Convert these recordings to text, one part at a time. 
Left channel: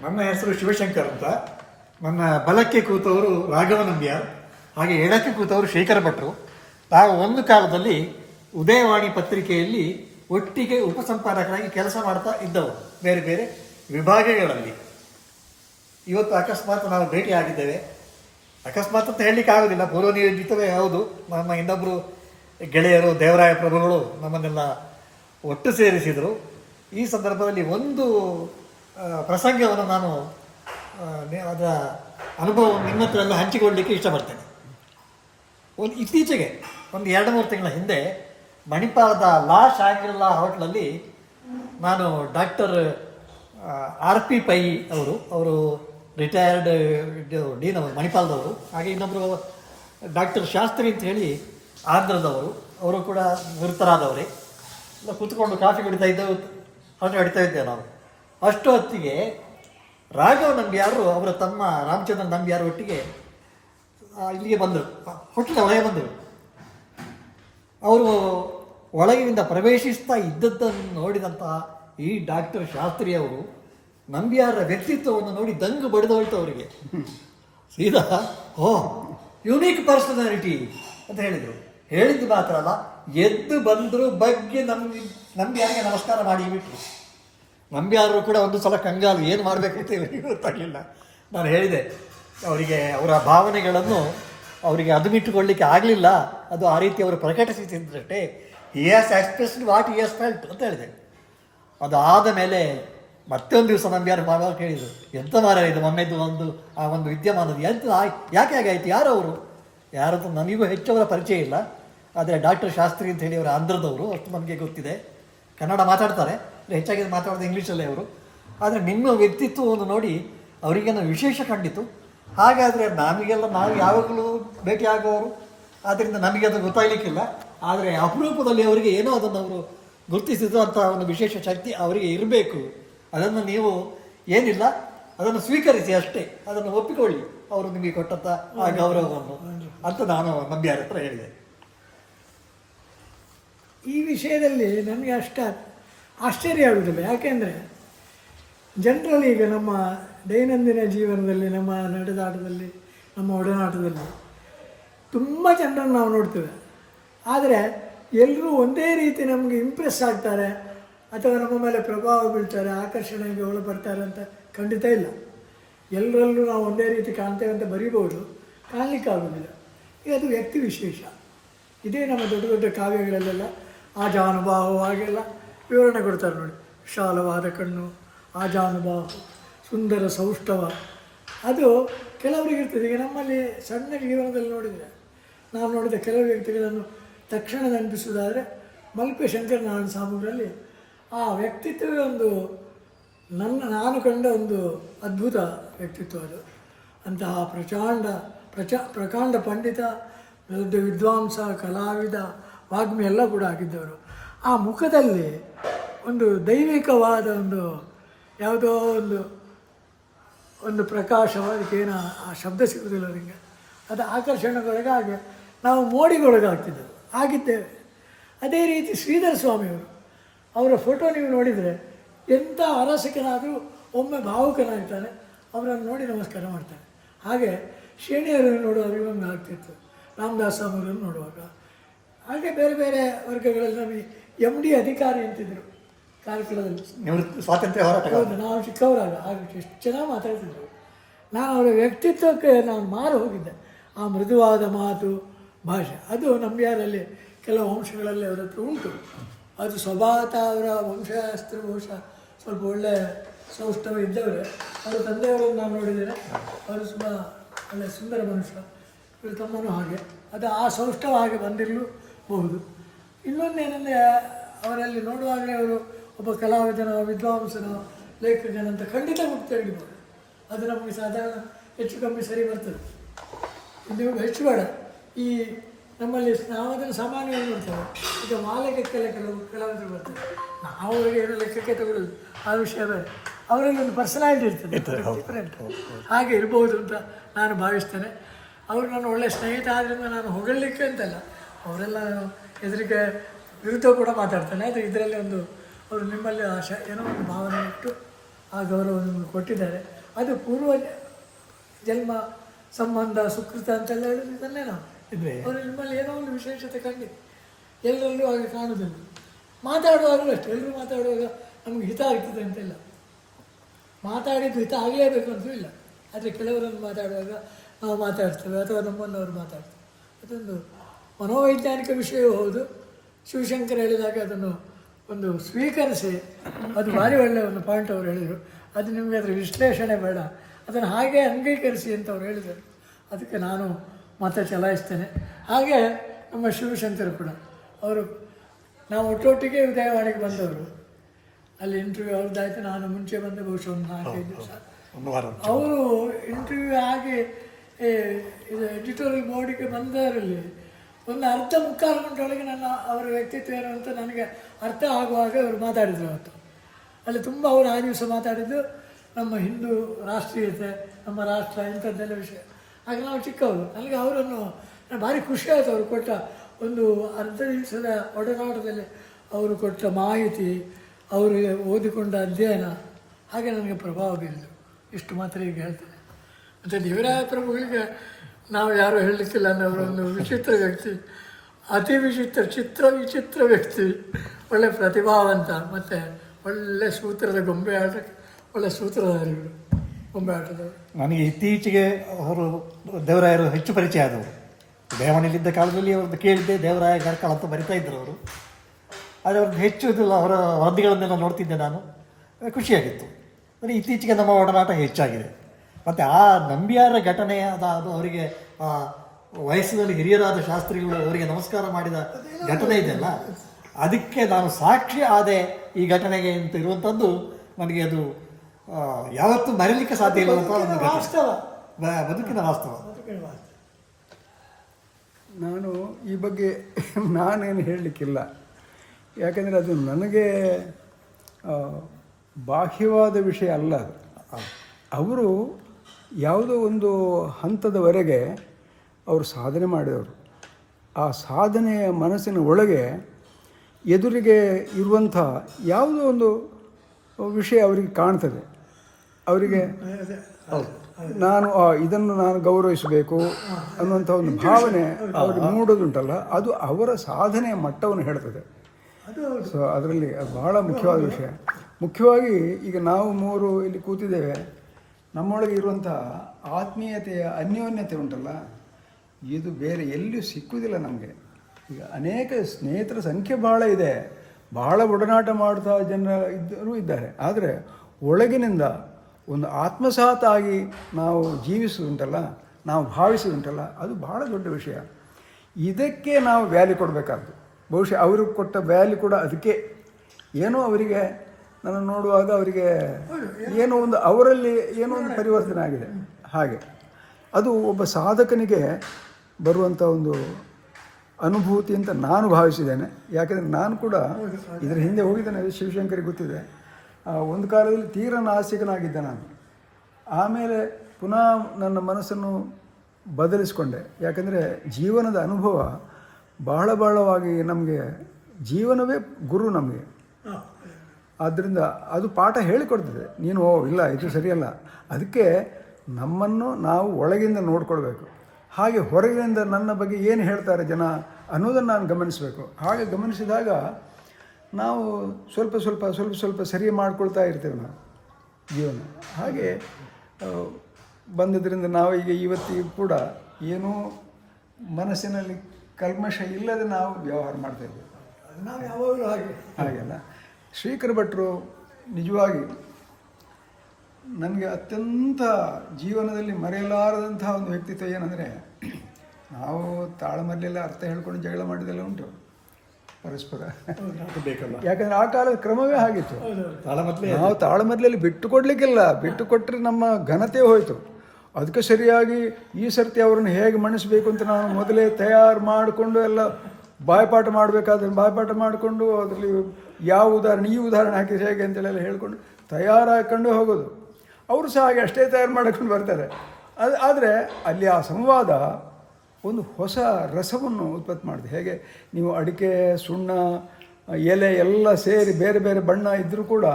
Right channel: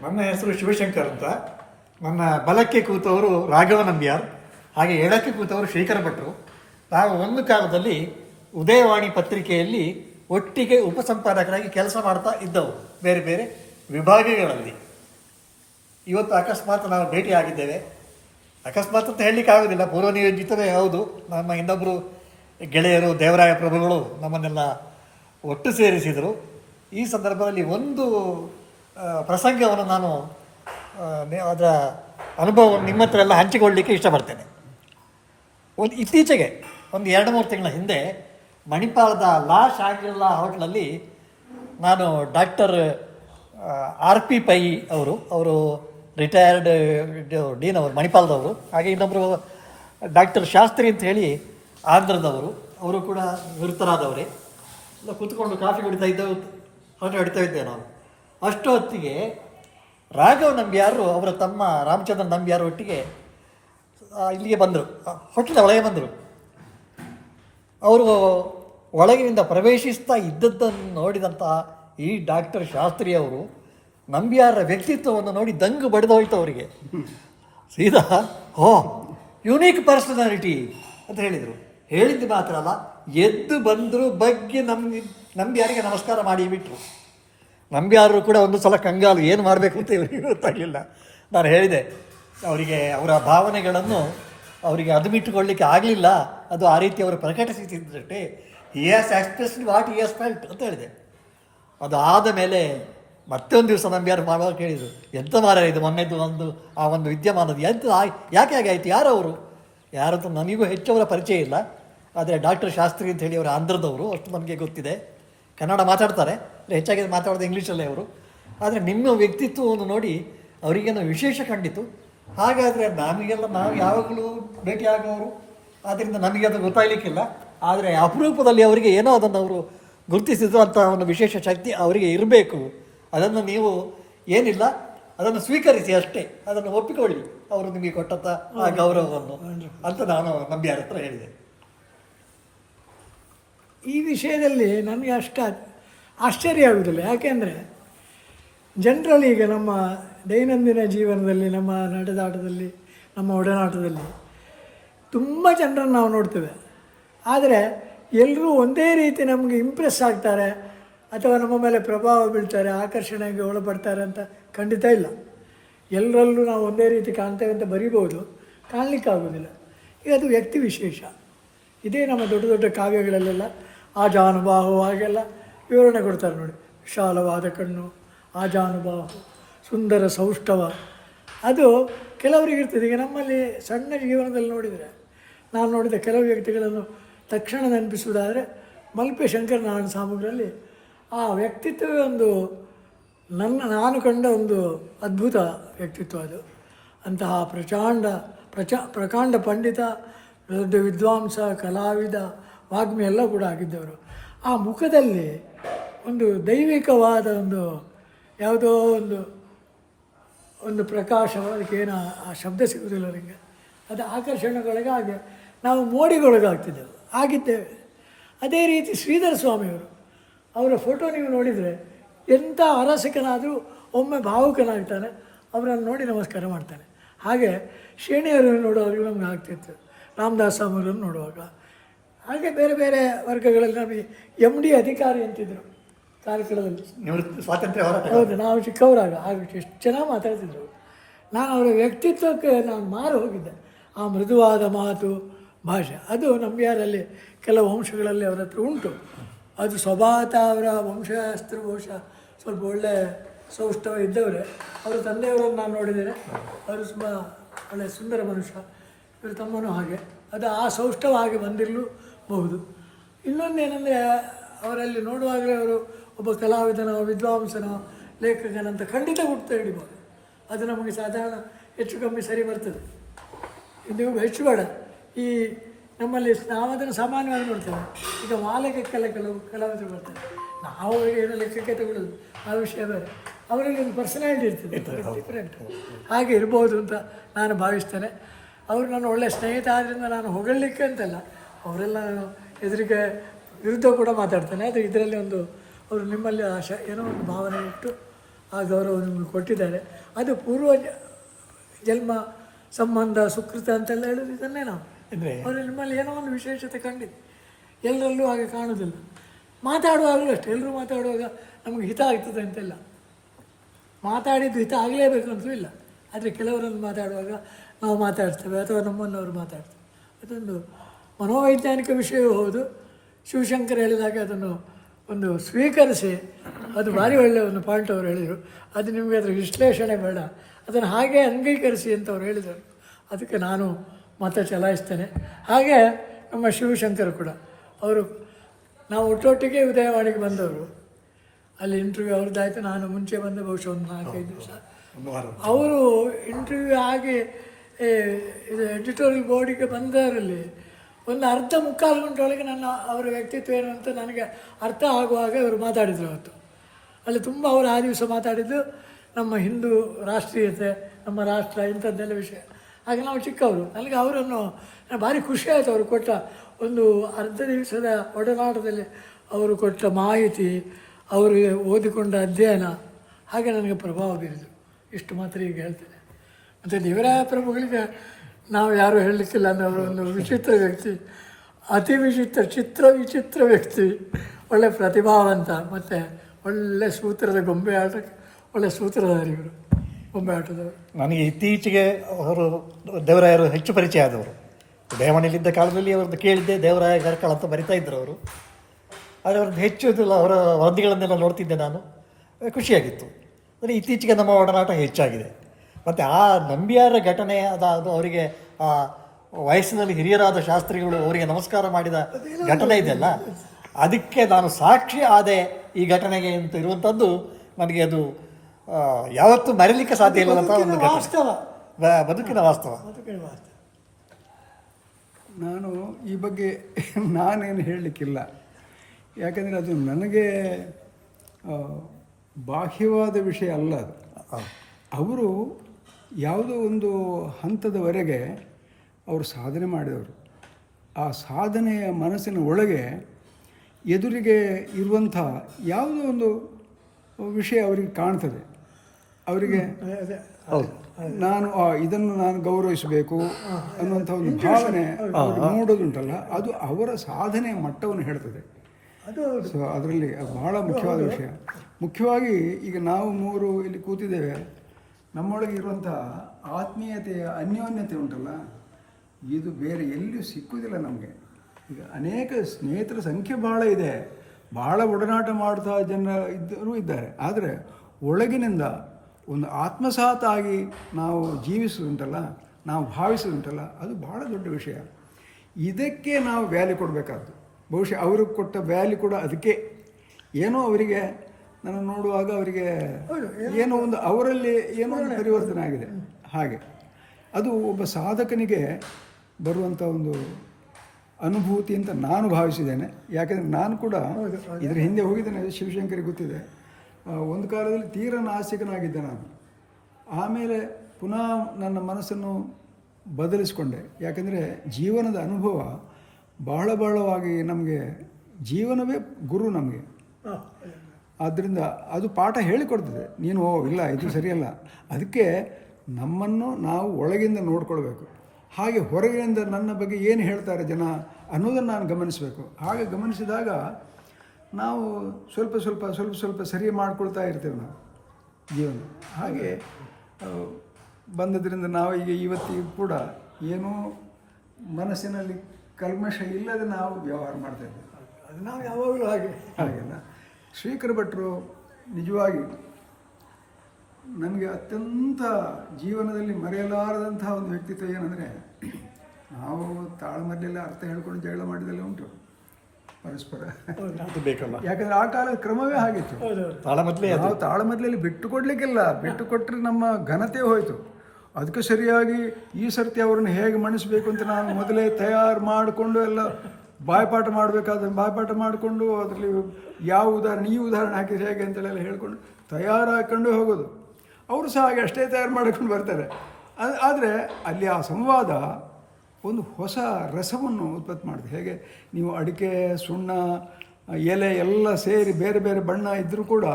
ನನ್ನ ಹೆಸರು ಶಿವಶಂಕರ್ ಅಂತ. ನನ್ನ ಬಲಕ್ಕೆ ಕೂತವರು ರಾಘವ ನಂಬ್ಯಾರ್ ಹಾಗೆ ಎಡಕ್ಕೆ ಕೂತವರು ಶೇಖರ ಭಟ್ರು. ನಾವು ಒಂದು ಕಾಲದಲ್ಲಿ ಉದಯವಾಣಿ ಪತ್ರಿಕೆಯಲ್ಲಿ ಒಟ್ಟಿಗೆ ಉಪಸಂಪಾದಕರಾಗಿ ಕೆಲಸ ಮಾಡ್ತಾ ಇದ್ದವು, ಬೇರೆ ಬೇರೆ ವಿಭಾಗಗಳಲ್ಲಿ. ಇವತ್ತು ಅಕಸ್ಮಾತ್ ನಾವು ಭೇಟಿ ಆಗಿದ್ದೇವೆ. ಅಕಸ್ಮಾತ್ ಅಂತ ಹೇಳಲಿಕ್ಕೆ ಆಗೋದಿಲ್ಲ, ಪೂರ್ವ ನಿಯೋಜಿತವೇ ಹೌದು. ನಮ್ಮ ಇನ್ನೊಬ್ಬರು ಗೆಳೆಯರು ದೇವರಾಯ ಪ್ರಭುಗಳು ನಮ್ಮನ್ನೆಲ್ಲ ಒಟ್ಟು ಸೇರಿಸಿದರು. ಈ ಸಂದರ್ಭದಲ್ಲಿ ಒಂದು ಪ್ರಸಂಗವನ್ನು ನಾನು ಅದರ ಅನುಭವ ನಿಮ್ಮ ಹತ್ರ ಎಲ್ಲ ಹಂಚಿಕೊಳ್ಳಲಿಕ್ಕೆ ಇಷ್ಟಪಡ್ತೇನೆ. ಒಂದು ಇತ್ತೀಚೆಗೆ, ಒಂದು ಎರಡು, ಮೂರು ತಿಂಗಳ ಹಿಂದೆ ಮಣಿಪಾಲದ ಲಾ ಶಾಂಗ್ರಿಲಾ ಹೋಟ್ಲಲ್ಲಿ ನಾನು ಡಾಕ್ಟರ್ ಆರ್ ಪಿ ಪೈ ಅವರು ಅವರು ರಿಟೈರ್ಡ್ ಡೀನ್ ಅವರು, ಮಣಿಪಾಲದವರು, ಹಾಗೆ ಇನ್ನೊಬ್ಬರು ಡಾಕ್ಟರ್ ಶಾಸ್ತ್ರಿ ಅಂತ ಹೇಳಿ ಆಂಧ್ರದವರು, ಅವರು ಕೂಡ ನಿವೃತ್ತರಾದವರೇ. ಕೂತ್ಕೊಂಡು ಕಾಫಿ ಕುಡಿತಾ ಇದ್ದೇವೆ ಹಾಗೆ ಹೊಡಿತಾ ಇದ್ದೇವೆ ನಾವು. ಅಷ್ಟು ಹೊತ್ತಿಗೆ ರಾಘವ ನಂಬಿಯಾರು ಅವರ ತಮ್ಮ ರಾಮಚಂದ್ರ ನಂಬಿಯಾರು ಒಟ್ಟಿಗೆ ಇಲ್ಲಿಗೆ ಬಂದರು. ಹೊಟ್ಟಿನ ಒಳಗೆ ಬಂದರು. ಅವರು ಒಳಗಿನಿಂದ ಪ್ರವೇಶಿಸ್ತಾ ಇದ್ದದ್ದನ್ನು ನೋಡಿದಂತಹ ಈ ಡಾಕ್ಟರ್ ಶಾಸ್ತ್ರಿ ಅವರು ನಂಬಿಯಾರ ವ್ಯಕ್ತಿತ್ವವನ್ನು ನೋಡಿ ದಂಗು ಬಡಿದು ಹೋಯ್ತು ಅವರಿಗೆ. ಸೀದಾ ಓ ಯುನೀಕ್ ಪರ್ಸನಾಲಿಟಿ ಅಂತ ಹೇಳಿದರು. ಹೇಳಿದ್ದು ಮಾತ್ರ ಅಲ್ಲ, ಎದ್ದು ಬಂದರು ಬಗ್ಗೆ ನಮ್ಮ ನಂಬಿಯಾರಿಗೆ ನಮಸ್ಕಾರ ಮಾಡಿ ಬಿಟ್ಟರು ನಂಬಿಯಾರು ಕೂಡ ಒಂದು ಸಲ ಕಂಗಾಲು ಏನು ಮಾಡಬೇಕು ಅಂತ ಇವರಿಗೆ ಗೊತ್ತಾಗಿಲ್ಲ ನಾನು ಹೇಳಿದೆ, ಅವರಿಗೆ ಅವರ ಭಾವನೆಗಳನ್ನು ಅವರಿಗೆ ಅದುಮಿಟ್ಟುಕೊಳ್ಳಿಕ್ಕೆ ಆಗಲಿಲ್ಲ. ಅದು ಆ ರೀತಿ ಅವರು ಪ್ರಕಟಿಸಿದ್ದಷ್ಟೇ he has expressed what he has felt ಅಂತ ಹೇಳಿದೆ. ಅದು ಆದ ಮೇಲೆ ಮತ್ತೊಂದು ದಿವಸ ನಂಬ್ಯಾರು ಮಾಡುವಾಗ ಕೇಳಿದರು, ಎಂತ ಮಾರ ಇದು ಮೊನ್ನೆದ್ದು ಒಂದು, ಆ ಒಂದು ವಿದ್ಯಮಾನದ ಎಂತ ಯಾಕೆ ಹಾಗೆ ಆಯಿತು ಯಾರು ಅವರು? ಯಾರಂತ ನನಗೂ ಹೆಚ್ಚು ಅವರ ಪರಿಚಯ ಇಲ್ಲ. ಆದರೆ ಡಾಕ್ಟರ್ ಶಾಸ್ತ್ರಿ ಅಂತ ಹೇಳಿ ಅವರು ಆಂಧ್ರದವರು ಅಷ್ಟು ನಮಗೆ ಗೊತ್ತಿದೆ. ಕನ್ನಡ ಮಾತಾಡ್ತಾರೆ ಹೆಚ್ಚಾಗಿ ಮಾತಾಡೋದು ಇಂಗ್ಲೀಷಲ್ಲೇ ಅವರು. ಆದರೆ ನಿಮ್ಮ ವ್ಯಕ್ತಿತ್ವವನ್ನು ನೋಡಿ ಅವರಿಗೇನು ವಿಶೇಷ ಕಂಡಿತು. ಹಾಗಾದರೆ ನಮಗೆಲ್ಲ ನಾವು ಯಾವಾಗಲೂ ಭೇಟಿಯಾಗುವವರು ಆದ್ದರಿಂದ ನಮಗೆ ಅದು ಗೊತ್ತಾಗಲಿಕ್ಕಿಲ್ಲ. ಆದರೆ ಅಪರೂಪದಲ್ಲಿ ಅವರಿಗೆ ಏನೋ ಅದನ್ನು ಅವರು ಗುರುತಿಸಿದ್ರು ಅಂತಹ ಒಂದು ವಿಶೇಷ ಶಕ್ತಿ ಅವರಿಗೆ ಇರಬೇಕು. ಅದನ್ನು ನೀವು ಏನಿಲ್ಲ, ಅದನ್ನು ಸ್ವೀಕರಿಸಿ ಅಷ್ಟೇ. ಅದನ್ನು ಒಪ್ಪಿಕೊಳ್ಳಿ. ಅವರು ನಿಮಗೆ ಕೊಟ್ಟಂತ ಆ ಗೌರವವನ್ನು ಅಂತ ನಾನು ನಂಬಿಯಾರ ಹತ್ರ ಹೇಳಿದೆ. ಈ ವಿಷಯದಲ್ಲಿ ನನಗೆ ಅಷ್ಟ ಆಶ್ಚರ್ಯ ಆಗುವುದಿಲ್ಲ ಯಾಕೆಂದರೆ ಜನರಲ್ಲಿ ಈಗ ನಮ್ಮ ದೈನಂದಿನ ಜೀವನದಲ್ಲಿ, ನಮ್ಮ ನಡೆದಾಟದಲ್ಲಿ, ನಮ್ಮ ಒಡನಾಟದಲ್ಲಿ ತುಂಬ ಜನರನ್ನು ನಾವು ನೋಡ್ತೇವೆ. ಆದರೆ ಎಲ್ಲರೂ ಒಂದೇ ರೀತಿ ನಮಗೆ ಇಂಪ್ರೆಸ್ ಆಗ್ತಾರೆ, ಅಥವಾ ನಮ್ಮ ಮೇಲೆ ಪ್ರಭಾವ ಬೀಳ್ತಾರೆ, ಆಕರ್ಷಣೆಗೆ ಒಳಪಡ್ತಾರೆ ಅಂತ ಖಂಡಿತ ಇಲ್ಲ. ಎಲ್ಲರಲ್ಲೂ ನಾವು ಒಂದೇ ರೀತಿ ಕಾಣ್ತೇವೆ ಅಂತ ಬರೀಬೋದು ಕಾಣಲಿಕ್ಕಾಗೋದಿಲ್ಲ ಈಗ ಅದು ವ್ಯಕ್ತಿ ವಿಶೇಷ. ಇದೇ ನಮ್ಮ ದೊಡ್ಡ ದೊಡ್ಡ ಕಾವ್ಯಗಳಲ್ಲೆಲ್ಲ ಆಜಾನುಬಾಹು ಹಾಗೆಲ್ಲ ವಿವರಣೆ ಕೊಡ್ತಾರೆ ನೋಡಿ. ವಿಶಾಲವಾದ ಕಣ್ಣು ಆಜಾನುಬಾಹು ಸುಂದರ ಸೌಷ್ಠವ. ಅದು ಕೆಲವರಿಗೆ ಇರ್ತದೆ. ಈಗ ನಮ್ಮಲ್ಲಿ ಸಣ್ಣ ಜೀವನದಲ್ಲಿ ನೋಡಿದರೆ ನಾವು ನೋಡಿದ ಕೆಲವು ವ್ಯಕ್ತಿಗಳನ್ನು ತಕ್ಷಣ ನೆನಪಿಸುವುದಾದರೆ ಮಲ್ಪೆ ಶಂಕರನಾರಾಯಣ ಸ್ವಾಮಿಗಳಲ್ಲಿ ಆ ವ್ಯಕ್ತಿತ್ವವೇ ಒಂದು ನನ್ನ, ನಾನು ಕಂಡ ಒಂದು ಅದ್ಭುತ ವ್ಯಕ್ತಿತ್ವ ಅದು. ಅಂತಹ ಪ್ರಚಾಂಡ, ಪ್ರಚ, ಪ್ರಕಾಂಡ ಪಂಡಿತ, ದೊಡ್ಡ ವಿದ್ವಾಂಸ, ಕಲಾವಿದ ವಾಗ್ಮಿ ಎಲ್ಲ ಕೂಡ ಆಗಿದ್ದವರು. ಆ ಮುಖದಲ್ಲಿ ಒಂದು ದೈವಿಕವಾದ ಒಂದು ಯಾವುದೋ ಒಂದು ಒಂದು ಪ್ರಕಾಶವ, ಅದಕ್ಕೇನು ಆ ಶಬ್ದ ಸಿಗುವುದಿಲ್ಲ ನನಗೆ ಅದು ಆಕರ್ಷಣೆಗೊಳಗಾಗಿ ನಾವು ಮೋಡಿಗೊಳಗಾಗ್ತಿದ್ದೆವು. ಆಗಿದ್ದೇವೆ. ಅದೇ ರೀತಿ ಶ್ರೀಧರ ಸ್ವಾಮಿಯವರು, ಅವರ ಫೋಟೋ ನೀವು ನೋಡಿದರೆ ಎಂಥ ಅರಸಿಕನಾದರೂ ಒಮ್ಮೆ ಭಾವುಕನಾಗ್ತಾನೆ, ಅವರನ್ನು ನೋಡಿ ನಮಸ್ಕಾರ ಮಾಡ್ತಾನೆ. ಹಾಗೆ ಶ್ರೇಣಿಯವರನ್ನು ನೋಡುವಾಗ ನಮ್ಗೆ ಆಗ್ತಿತ್ತು. ರಾಮದಾಸ್ ಸ್ವಾಮಿಯವರನ್ನು ನೋಡುವಾಗ. ಹಾಗೆ ಬೇರೆ ಬೇರೆ ವರ್ಗಗಳಲ್ಲಿ ನಮಗೆ ಎಂ ಡಿ ಅಧಿಕಾರಿ ಅಂತಿದ್ದರು ಕಾರ್ಯಕ್ರಮದಲ್ಲಿ. ನಿವೃತ್ತಿ ಸ್ವಾತಂತ್ರ್ಯ ಹೋರಾಟ ಹೌದು ನಾವು ಚಿಕ್ಕವರಾಗ ಆಗ ಎಷ್ಟು ಚೆನ್ನಾಗಿ ಮಾತಾಡ್ತಿದ್ರು. ನಾನು ಅವರ ವ್ಯಕ್ತಿತ್ವಕ್ಕೆ ನಾನು ಮಾರು ಹೋಗಿದ್ದೆ. ಆ ಮೃದುವಾದ ಮಾತು ಭಾಷೆ ಅದು ನಂಬಿಯಾರಲ್ಲಿ ಕೆಲವು ಅಂಶಗಳಲ್ಲಿ ಅವರ ಹತ್ರ ಉಂಟು. ಅದು ಸ್ವಭಾವತ ಅವರ ವಂಶಾಸ್ತ್ರ ಬಹುಶಃ ಸ್ವಲ್ಪ ಒಳ್ಳೆ ಸೌಷ್ಠವ ಇದ್ದವರೇ. ಅವರ ತಂದೆಯವರನ್ನು ನಾನು ನೋಡಿದ್ದೇನೆ. ಅವರು ತುಂಬ ಒಳ್ಳೆ ಸುಂದರ ಮನುಷ್ಯ. ಇವರು ತಮ್ಮನೂ ಹಾಗೆ. ಅದು ಆ ಸೌಷ್ಠವ ಹಾಗೆ ಬಂದಿರಲೂಬಹುದು ಇನ್ನೊಂದೇನೆಂದರೆ ಅವರಲ್ಲಿ ನೋಡುವಾಗಲೇ ಅವರು ಒಬ್ಬ ಕಲಾವಿದನ ವಿದ್ವಾಂಸನ ಲೇಖಕನಂತ ಖಂಡಿತ ಮುಕ್ತ ಹಿಡಿಬೋದು ಅದು ನಮಗೆ ಸಾಧಾರಣ ಹೆಚ್ಚು ಕಮ್ಮಿ ಸರಿ ಬರ್ತದೆ. ಇದು ಹೆಚ್ಚು ಬೇಡ. ಈ ನಮ್ಮಲ್ಲಿ ನಾವು ಅದನ್ನು ಸಾಮಾನ್ಯವಾಗಿ ನೋಡ್ತೇವೆ. ಈಗ ಮಾಲಕಕ್ಕೆಲ್ಲ ಕೆಲವು ಕಲಾವಿದರು ಬರ್ತದೆ ನಾವು ಅವರಿಗೆ ಏನೋ ಲೆಕ್ಕಕ್ಕೆ ತಗೊಳ್ಳೋದು. ಆ ವಿಷಯ ಬೇರೆ ಅವರಲ್ಲಿ ಒಂದು ಪರ್ಸನಾಲಿಟಿ ಇರ್ತದೆ. ಡಿಫ್ರೆಂಟ್ ಹಾಗೆ ಇರ್ಬೋದು ಅಂತ ನಾನು ಭಾವಿಸ್ತೇನೆ. ಅವರು ನನ್ನ ಒಳ್ಳೆಯ ಸ್ನೇಹಿತ ಆದ್ದರಿಂದ ನಾನು ಹೊಗಳಲಿಕ್ಕೆ ಅಂತಲ್ಲ. ಅವರೆಲ್ಲ ಎದುರಿಗೆ ವಿರುದ್ಧ ಕೂಡ ಮಾತಾಡ್ತಾನೆ. ಆದರೆ ಇದರಲ್ಲಿ ಒಂದು ಅವರು ನಿಮ್ಮಲ್ಲಿ ಆಶೆ ಏನೋ ಒಂದು ಭಾವನೆ ಇಟ್ಟು ಆ ಗೌರವವನ್ನು ಕೊಟ್ಟಿದ್ದಾರೆ. ಅದು ಪೂರ್ವ ಜನ್ಮ ಸಂಬಂಧ ಸುಕೃತ ಅಂತೆಲ್ಲ ಹೇಳೋದು ಇದನ್ನೇ ನಾವು. ಅವರು ನಿಮ್ಮಲ್ಲಿ ಏನೋ ಒಂದು ವಿಶೇಷತೆ ಕಂಡಿದೆ. ಎಲ್ಲರಲ್ಲೂ ಹಾಗೆ ಕಾಣೋದಿಲ್ಲ. ಮಾತಾಡುವಾಗಲೂ ಅಷ್ಟೇ. ಎಲ್ಲರೂ ಮಾತಾಡುವಾಗ ನಮಗೆ ಹಿತ ಆಗ್ತದೆ ಅಂತೆಲ್ಲ. ಮಾತಾಡಿದ್ದು ಹಿತ ಆಗಲೇಬೇಕು ಅಂತೂ ಇಲ್ಲ. ಆದರೆ ಕೆಲವರನ್ನು ಮಾತಾಡುವಾಗ ನಾವು ಮಾತಾಡ್ತೇವೆ ಅಥವಾ ನಮ್ಮನ್ನು ಅವರು ಮಾತಾಡ್ತೇವೆ. ಅದೊಂದು ಮನೋವೈಜ್ಞಾನಿಕ ವಿಷಯವೂ ಹೌದು. ಶಿವಶಂಕರ್ ಹೇಳಿದಾಗ ಅದನ್ನು ಒಂದು ಸ್ವೀಕರಿಸಿ ಅದು ಭಾರಿ ಒಳ್ಳೆಯ ಒಂದು ಪಾಯಿಂಟ್ ಅವರು ಹೇಳಿದರು. ಅದು ನಿಮಗೆ ಅದರ ವಿಶ್ಲೇಷಣೆ ಬೇಡ. ಅದನ್ನು ಹಾಗೆ ಅಂಗೀಕರಿಸಿ ಅಂತ ಅವ್ರು ಹೇಳಿದರು. ಅದಕ್ಕೆ ನಾನು ಮತ ಚಲಾಯಿಸ್ತೇನೆ. ಹಾಗೆ ನಮ್ಮ ಶಿವಶಂಕರ್ ಕೂಡ. ಅವರು ನಾವು ಒಟ್ಟೊಟ್ಟಿಗೆ ಉದಯವಾಣಿಗೆ ಬಂದವರು. ಅಲ್ಲಿ ಇಂಟರ್ವ್ಯೂ ಅವ್ರದ್ದಾಯ್ತು. ನಾನು ಮುಂಚೆ ಬಂದ ಬಹುಶಃ ಒಂದು ನಾಲ್ಕೈದು ದಿವಸ. ಅವರು ಇಂಟರ್ವ್ಯೂ ಆಗಿ ಇದು ಎಡಿಟೋರಿಯಲ್ ಬೋರ್ಡಿಗೆ ಬಂದವರಲ್ಲಿ ಒಂದು ಅರ್ಧ ಮುಕ್ಕಾಲು ಗಂಟೆಯೊಳಗೆ ನನ್ನ ಅವರ ವ್ಯಕ್ತಿತ್ವ ಏನು ಅಂತ ನನಗೆ ಅರ್ಥ ಆಗುವಾಗ ಇವರು ಮಾತಾಡಿದರು ಅವತ್ತು. ಅಲ್ಲಿ ತುಂಬ ಅವರು ಆ ದಿವಸ ಮಾತಾಡಿದ್ದು, ನಮ್ಮ ಹಿಂದೂ ರಾಷ್ಟ್ರೀಯತೆ, ನಮ್ಮ ರಾಷ್ಟ್ರ ಇಂಥದ್ದೆಲ್ಲ ವಿಷಯ. ಆಗ ನಾವು ಚಿಕ್ಕವರು. ನನಗೆ ಅವರನ್ನು ಭಾರಿ ಖುಷಿ ಆಯಿತು ಅವರು ಕೊಟ್ಟ ಒಂದು ಅರ್ಧ ದಿವಸದ ಒಡನಾಟದಲ್ಲಿ ಅವರು ಕೊಟ್ಟ ಮಾಹಿತಿ, ಅವರು ಓದಿಕೊಂಡ ಅಧ್ಯಯನ, ಹಾಗೆ ನನಗೆ ಪ್ರಭಾವ ಬೀರಿತು. ಇಷ್ಟು ಮಾತ್ರ ಈಗ ಹೇಳ್ತೇನೆ. ಮತ್ತು ದೇವರಾಯ ಪ್ರಭುಗಳಿಗೆ ನಾವು ಯಾರು ಹೇಳಲಿಕ್ಕಿಲ್ಲ ನಾವು ಒಂದು ವಿಚಿತ್ರ ವ್ಯಕ್ತಿ, ಅತಿ ವಿಚಿತ್ರ, ಚಿತ್ರ ವಿಚಿತ್ರ ವ್ಯಕ್ತಿ, ಒಳ್ಳೆ ಪ್ರತಿಭಾವಂತ, ಮತ್ತು ಒಳ್ಳೆ ಸೂತ್ರದ ಗೊಂಬೆ ಆಟ ಒಳ್ಳೆ ಸೂತ್ರಧಾರಿಗಳು ಗೊಂಬೆ ಆಟದವರು. ನನಗೆ ಇತ್ತೀಚೆಗೆ ಅವರು ದೇವರಾಯರು ಹೆಚ್ಚು ಪರಿಚಯ ಆದವರು. ಉದಯವಾಣಿಯಲ್ಲಿದ್ದ ಕಾಲದಲ್ಲಿ ಅವ್ರದ್ದು ಕೇಳಿದ್ದೆ, ದೇವರಾಯ ಗರ್ಕಳ ಅಂತ ಬರಿತಾ ಇದ್ದರು ಅವರು. ಆದರೆ ಅವ್ರದ್ದು ಹೆಚ್ಚು ಅವರ ವರದಿಗಳನ್ನೆಲ್ಲ ನೋಡ್ತಿದ್ದೆ ನಾನು. ಖುಷಿಯಾಗಿತ್ತು. ಅಂದರೆ ಇತ್ತೀಚೆಗೆ ನಮ್ಮ ಒಡನಾಟ ಹೆಚ್ಚಾಗಿದೆ. ಮತ್ತು ಆ ನಂಬಿಯಾರ ಘಟನೆ ಅದ ಅದು ಅವರಿಗೆ ಆ ವಯಸ್ಸಿನಲ್ಲಿ ಹಿರಿಯರಾದ ಶಾಸ್ತ್ರಿಗಳು ಅವರಿಗೆ ನಮಸ್ಕಾರ ಮಾಡಿದ ಘಟನೆ ಇದೆಯಲ್ಲ ಅದಕ್ಕೆ ನಾನು ಸಾಕ್ಷಿ ಆದೆ ಈ ಘಟನೆಗೆ ಅಂತ ಇರುವಂಥದ್ದು ನನಗೆ ಅದು ಯಾವತ್ತೂ ಮರೀಲಿಕ್ಕೆ ಸಾಧ್ಯ ಇಲ್ಲದಂಥ ಒಂದು ಘಟನೆ. ಬದುಕಿನ ವಾಸ್ತವ. ನಾನು ಈ ಬಗ್ಗೆ ನಾನೇನು ಹೇಳಲಿಕ್ಕಿಲ್ಲ. ಯಾಕಂದರೆ ಅದು ನನಗೆ ಬಾಹ್ಯವಾದ ವಿಷಯ ಅಲ್ಲ ಅದು. ಅವರು ಯಾವುದೋ ಒಂದು ಹಂತದವರೆಗೆ ಅವರು ಸಾಧನೆ ಮಾಡಿದವರು. ಆ ಸಾಧನೆಯ ಮನಸ್ಸಿನ ಒಳಗೆ ಎದುರಿಗೆ ಇರುವಂಥ ಯಾವುದೋ ಒಂದು ವಿಷಯ ಅವರಿಗೆ ಕಾಣ್ತದೆ. ಅವರಿಗೆ, ನಾನು ಇದನ್ನು ನಾನು ಗೌರವಿಸಬೇಕು ಅನ್ನುವಂಥ ಒಂದು ಭಾವನೆ ಅವ್ರಿಗೆ ಮೂಡೋದುಂಟಲ್ಲ, ಅದು ಅವರ ಸಾಧನೆಯ ಮಟ್ಟವನ್ನು ಹೇಳ್ತದೆ. ಸೊ ಅದರಲ್ಲಿ ಅದು ಬಹಳ ಮುಖ್ಯವಾದ ವಿಷಯ. ಮುಖ್ಯವಾಗಿ ಈಗ ನಾವು ಮೂರು ಇಲ್ಲಿ ಕೂತಿದ್ದೇವೆ. ನಮ್ಮೊಳಗೆ ಇರುವಂಥ ಆತ್ಮೀಯತೆಯ ಅನ್ಯೋನ್ಯತೆ ಉಂಟಲ್ಲ, ಇದು ಬೇರೆ ಎಲ್ಲಿಯೂ ಸಿಕ್ಕುವುದಿಲ್ಲ ನಮಗೆ. ಈಗ ಅನೇಕ ಸ್ನೇಹಿತರ ಸಂಖ್ಯೆ ಬಹಳ ಇದೆ. ಬಹಳ ಒಡನಾಟ ಮಾಡ್ತಾ ಜನ ಇದ್ದರೂ ಇದ್ದಾರೆ. ಆದರೆ ಒಳಗಿನಿಂದ ಒಂದು ಆತ್ಮಸಾತ್ ಆಗಿ ನಾವು ಜೀವಿಸುವುದುಂಟಲ್ಲ ನಾವು ಭಾವಿಸುವಂತಲ್ಲ ಅದು ಬಹಳ ದೊಡ್ಡ ವಿಷಯ. ಇದಕ್ಕೆ ನಾವು ವ್ಯಾಲ್ಯೂ ಕೊಡಬೇಕಾದ್ದು. ಬಹುಶಃ ಅವರು ಕೊಟ್ಟ ವ್ಯಾಲ್ಯೂ ಕೂಡ ಅದಕ್ಕೆ. ಏನೋ ಅವರಿಗೆ ನನ್ನ ನೋಡುವಾಗ ಅವರಿಗೆ ಏನೋ ಒಂದು ಅವರಲ್ಲಿ ಏನೋ ಒಂದು ಪರಿವರ್ತನೆ ಆಗಿದೆ. ಹಾಗೆ. ಅದು ಒಬ್ಬ ಸಾಧಕನಿಗೆ ಬರುವಂಥ ಒಂದು ಅನುಭೂತಿ ಅಂತ ನಾನು ಭಾವಿಸಿದ್ದೇನೆ. ಯಾಕೆಂದರೆ ನಾನು ಕೂಡ ಇದರ ಹಿಂದೆ ಹೋಗಿದ್ದೇನೆ ಶಿವಶಂಕರಿಗೆ ಗೊತ್ತಿದೆ. ಒಂದು ಕಾಲದಲ್ಲಿ ತೀರ ನಾಸ್ತಿಕನಾಗಿದ್ದೆ ನಾನು. ಆಮೇಲೆ ಪುನಃ ನನ್ನ ಮನಸ್ಸನ್ನು ಬದಲಿಸಿಕೊಂಡೆ. ಯಾಕೆಂದರೆ ಜೀವನದ ಅನುಭವ ಬಹಳ ಬಹಳವಾಗಿ ನಮಗೆ ಜೀವನವೇ ಗುರು ನಮಗೆ. ಆದ್ದರಿಂದ ಅದು ಪಾಠ ಹೇಳಿಕೊಡ್ತದೆ. ನೀನು ಓ ಇಲ್ಲ ಇದು ಸರಿಯಲ್ಲ. ಅದಕ್ಕೆ ನಮ್ಮನ್ನು ನಾವು ಒಳಗಿಂದ ನೋಡ್ಕೊಳ್ಬೇಕು. ಹಾಗೆ ಹೊರಗಿನಿಂದ ನನ್ನ ಬಗ್ಗೆ ಏನು ಹೇಳ್ತಾರೆ ಜನ ಅನ್ನೋದನ್ನು ನಾನು ಗಮನಿಸಬೇಕು. ಹಾಗೆ ಗಮನಿಸಿದಾಗ ನಾವು ಸ್ವಲ್ಪ ಸ್ವಲ್ಪ ಸ್ವಲ್ಪ ಸ್ವಲ್ಪ ಸರಿ ಮಾಡ್ಕೊಳ್ತಾ ಇರ್ತೇವೆ ನಾವು ಜೀವನ. ಹಾಗೆ ಬಂದದ್ರಿಂದ ನಾವು ಈಗ ಇವತ್ತಿಗೂ ಕೂಡ ಏನೂ ಮನಸ್ಸಿನಲ್ಲಿ ಕಲ್ಮಶ ಇಲ್ಲದೆ ನಾವು ವ್ಯವಹಾರ ಮಾಡ್ತಾ ಇದ್ದೇವೆ. ಅದು ನಾವು ಯಾವಾಗಲೂ ಹಾಗೆ. ಹಾಗೆಲ್ಲ ಶ್ರೀಕರ ಭಟ್ರು ನಿಜವಾಗಿ ನನಗೆ ಅತ್ಯಂತ ಜೀವನದಲ್ಲಿ ಮರೆಯಲಾರದಂತಹ ಒಂದು ವ್ಯಕ್ತಿತ್ವ ಏನಂದರೆ ನಾವು ತಾಳಮಲ್ಲೆಲ್ಲ ಅರ್ಥ ಹೇಳ್ಕೊಂಡು ಜಗಳ ಮಾಡಿದೆಲ್ಲ ಉಂಟು ಪರಸ್ಪರ. ಬೇಕಲ್ಲ. ಯಾಕಂದರೆ ಆ ಕಾಲದ ಕ್ರಮವೇ ಆಗಿತ್ತು ನಾವು ತಾಳಮದ್ಲೆಯಲ್ಲಿ ಬಿಟ್ಟು ಕೊಡಲಿಕ್ಕಿಲ್ಲ ಬಿಟ್ಟು ಕೊಟ್ಟರೆ ನಮ್ಮ ಘನತೆ ಹೋಯಿತು. ಅದಕ್ಕೆ ಸರಿಯಾಗಿ ಈ ಸರ್ತಿ ಅವರನ್ನು ಹೇಗೆ ಮಣಿಸಬೇಕು ಅಂತ ನಾನು ಮೊದಲೇ ತಯಾರು ಮಾಡಿಕೊಂಡು ಎಲ್ಲ ಬಾಯ್ಪಾಠ ಮಾಡಬೇಕಾದ್ರೆ ಬಾಯ್ಪಾಠ ಮಾಡಿಕೊಂಡು ಅದರಲ್ಲಿ ಯಾವ ಉದಾಹರಣೆ, ಈ ಉದಾಹರಣೆ ಹಾಕಿದ್ರೆ ಹೇಗೆ ಅಂತೇಳೆಲ್ಲ ಹೇಳ್ಕೊಂಡು ತಯಾರು ಹಾಕ್ಕೊಂಡು ಹೋಗೋದು. ಅವರು ಸಹ ಹಾಗೆ ಅಷ್ಟೇ ತಯಾರು ಮಾಡ್ಕೊಂಡು ಬರ್ತಾರೆ. ಅದು ಆದರೆ ಅಲ್ಲಿ ಆ ಸಂವಾದ ಒಂದು ಹೊಸ ರಸವನ್ನು ಉತ್ಪತ್ತಿ ಮಾಡಿದೆ ಹೇಗೆ? ನೀವು ಅಡಿಕೆ, ಸುಣ್ಣ, ಎಲೆ ಎಲ್ಲ ಸೇರಿ ಬೇರೆ ಬೇರೆ ಬಣ್ಣ ಇದ್ದರೂ ಕೂಡ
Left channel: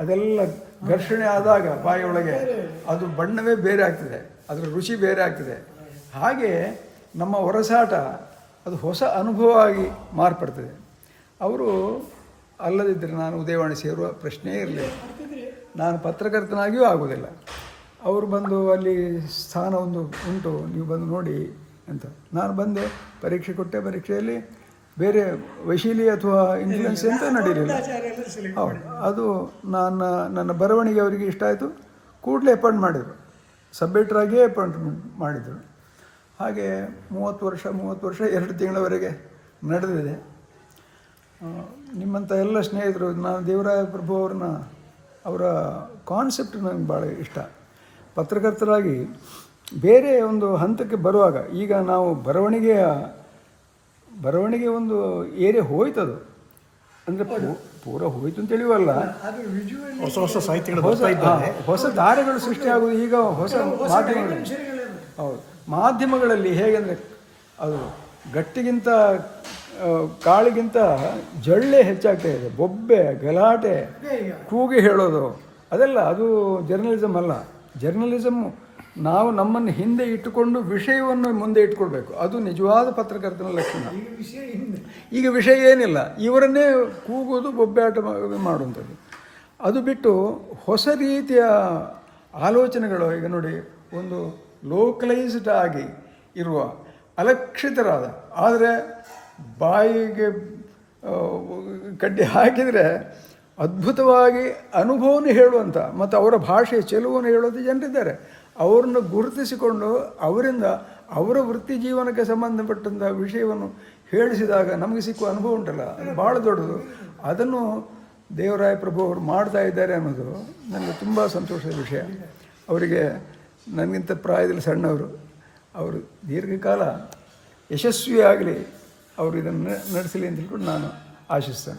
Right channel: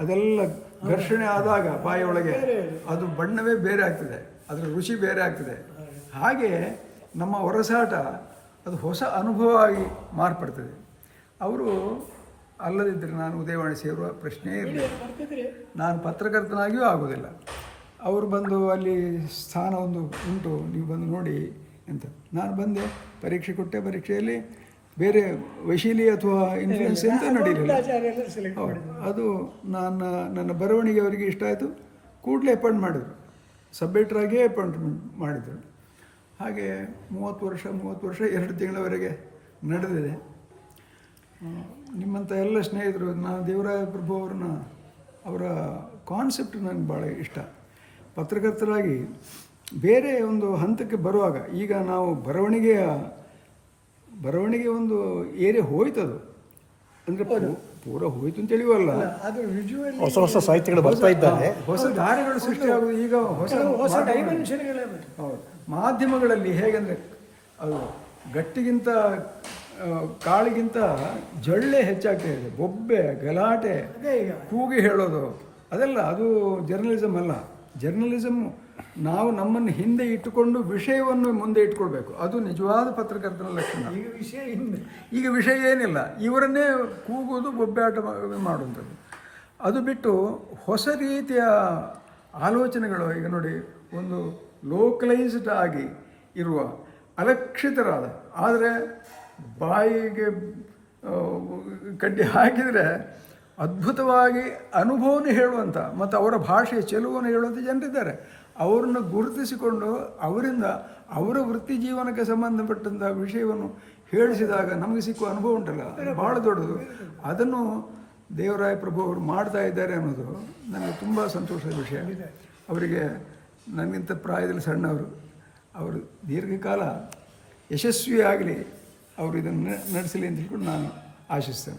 ಅದೆಲ್ಲ ಘರ್ಷಣೆ ಆದಾಗ ಬಾಯಿಯೊಳಗೆ ಅದು ಬಣ್ಣವೇ ಬೇರೆ ಆಗ್ತದೆ. ಅದರ ರುಚಿ ಬೇರೆ ಆಗ್ತದೆ. ಹಾಗೆ ನಮ್ಮ ಹೊರಸಾಟ ಅದು ಹೊಸ ಅನುಭವ ಆಗಿ ಮಾರ್ಪಡ್ತದೆ. ಅವರು ಅಲ್ಲದಿದ್ದರೆ ನಾನು ಉದಯವಾಣಿ ಸೇರುವ ಪ್ರಶ್ನೆಯೇ ಇರಲಿಲ್ಲ. ನಾನು ಪತ್ರಕರ್ತನಾಗಿಯೂ ಆಗೋದಿಲ್ಲ. ಅವರು ಬಂದು ಅಲ್ಲಿ ಸ್ಥಾನ ಒಂದು ಉಂಟು ನೀವು ಬಂದು ನೋಡಿ ಅಂತ. ನಾನು ಬಂದೆ ಪರೀಕ್ಷೆ ಕೊಟ್ಟೆ ಪರೀಕ್ಷೆಯಲ್ಲಿ ಬೇರೆ ವೈಶೀಲಿ ಅಥವಾ ಇನ್ಫ್ಲುಯೆನ್ಸ್ ಅಂತ ನಡೀಲಿಲ್ಲ. ಹೌದು ಅದು ನನ್ನ ನನ್ನ ಬರವಣಿಗೆ ಅವರಿಗೆ ಇಷ್ಟ ಆಯಿತು. ಕೂಡಲೇ ಅಪಾಯಿಂಟ್ ಮಾಡಿದರು. ಸಬ್ಮಿಟ್ರಾಗಿಯೇ ಅಪಾಯಿಂಟ್ಮೆಂಟ್ ಮಾಡಿದರು. ಹಾಗೆ ಮೂವತ್ತು ವರ್ಷ ಮೂವತ್ತು ವರ್ಷ ಎರಡು ತಿಂಗಳವರೆಗೆ ನಡೆದಿದೆ. ನಿಮ್ಮಂಥ ಎಲ್ಲ ಸ್ನೇಹಿತರು ನಾನು ದೇವರಾಯ ಪ್ರಭು ಅವ್ರನ್ನ ಅವರ ಕಾನ್ಸೆಪ್ಟ್ ನನಗೆ ಭಾಳ ಇಷ್ಟ. ಪತ್ರಕರ್ತರಾಗಿ ಬೇರೆ ಒಂದು ಹಂತಕ್ಕೆ ಬರುವಾಗ ಈಗ ನಾವು ಬರವಣಿಗೆಯ ಬರವಣಿಗೆ ಒಂದು ಏರಿಯಾ ಹೋಯ್ತದು. ಅಂದರೆ ಪೂರ ಹೋಯ್ತು ಅಂತ ಹೇಳುವಲ್ಲ. ಅದು ವಿಜುವಲ್ ಹೊಸ ಹೊಸ ಸಾಹಿತ್ಯಗಳು ಬರ್ತಾ ಇದ್ದಾರೆ ಹೊಸ ದಾರಿಗಳು ಸೃಷ್ಟಿಯಾಗುವುದು ಈಗ ಹೊಸ ಮಾಧ್ಯಮಗಳು ಹೌದು. ಮಾಧ್ಯಮಗಳಲ್ಲಿ ಹೇಗೆಂದರೆ ಅದು ಗಟ್ಟಿಗಿಂತ ಕಾಳಿಗಿಂತ ಜಳ್ಳೆ ಹೆಚ್ಚಾಗ್ತಾ ಇದೆ. ಬೊಬ್ಬೆ ಗಲಾಟೆ ಕೂಗಿ ಹೇಳೋದು. ಅದೆಲ್ಲ ಅದು ಜರ್ನಲಿಸಮ್ ಅಲ್ಲ. ಜರ್ನಲಿಸಮ್ ನಾವು ನಮ್ಮನ್ನು ಹಿಂದೆ ಇಟ್ಟುಕೊಂಡು ವಿಷಯವನ್ನು ಮುಂದೆ ಇಟ್ಕೊಳ್ಬೇಕು. ಅದು ನಿಜವಾದ ಪತ್ರಕರ್ತನ ಲಕ್ಷಣ. ಈಗ ವಿಷಯ ಏನಿಲ್ಲ. ಇವರನ್ನೇ ಕೂಗೋದು ಬೊಬ್ಬೆ ಆಟ ಮಾಡುವಂಥದ್ದು. ಅದು ಬಿಟ್ಟು ಹೊಸ ರೀತಿಯ ಆಲೋಚನೆಗಳು ಈಗ ನೋಡಿ ಒಂದು ಲೋಕಲೈಸ್ಡ್ ಆಗಿ ಇರುವ ಅಲಕ್ಷಿತರಾದ. ಆದರೆ ಬಾಯಿಗೆ ಕಡ್ಡಿ ಹಾಕಿದರೆ ಅದ್ಭುತವಾಗಿ ಅನುಭವವನ್ನು ಹೇಳುವಂಥ ಮತ್ತು ಅವರ ಭಾಷೆಯ ಚೆಲುವನ್ನು ಹೇಳುವಂಥ ಜನರಿದ್ದಾರೆ. ಅವರನ್ನು ಗುರುತಿಸಿಕೊಂಡು ಅವರಿಂದ ಅವರ ವೃತ್ತಿ ಜೀವನಕ್ಕೆ ಸಂಬಂಧಪಟ್ಟಂಥ ವಿಷಯವನ್ನು ಹೇಳಿಸಿದಾಗ ನಮಗೆ ಸಿಕ್ಕುವ ಅನುಭವ ಉಂಟಲ್ಲ ಭಾಳ ದೊಡ್ಡದು. ಅದನ್ನು ದೇವರಾಯ ಪ್ರಭು ಅವರು ಮಾಡ್ತಾ ಇದ್ದಾರೆ ಅನ್ನೋದು ನನಗೆ ತುಂಬ ಸಂತೋಷದ ವಿಷಯ. ಅವರಿಗೆ ನನಗಿಂತ ಪ್ರಾಯದಲ್ಲಿ ಸಣ್ಣವರು, ಅವರು ದೀರ್ಘಕಾಲ ಯಶಸ್ವಿಯಾಗಲಿ ಅವರು ಇದನ್ನು ನಡೆಸಲಿ ಅಂತ ಹೇಳ್ಕೊಂಡು ನಾನು ಆಶಿಸ್ತೇನೆ.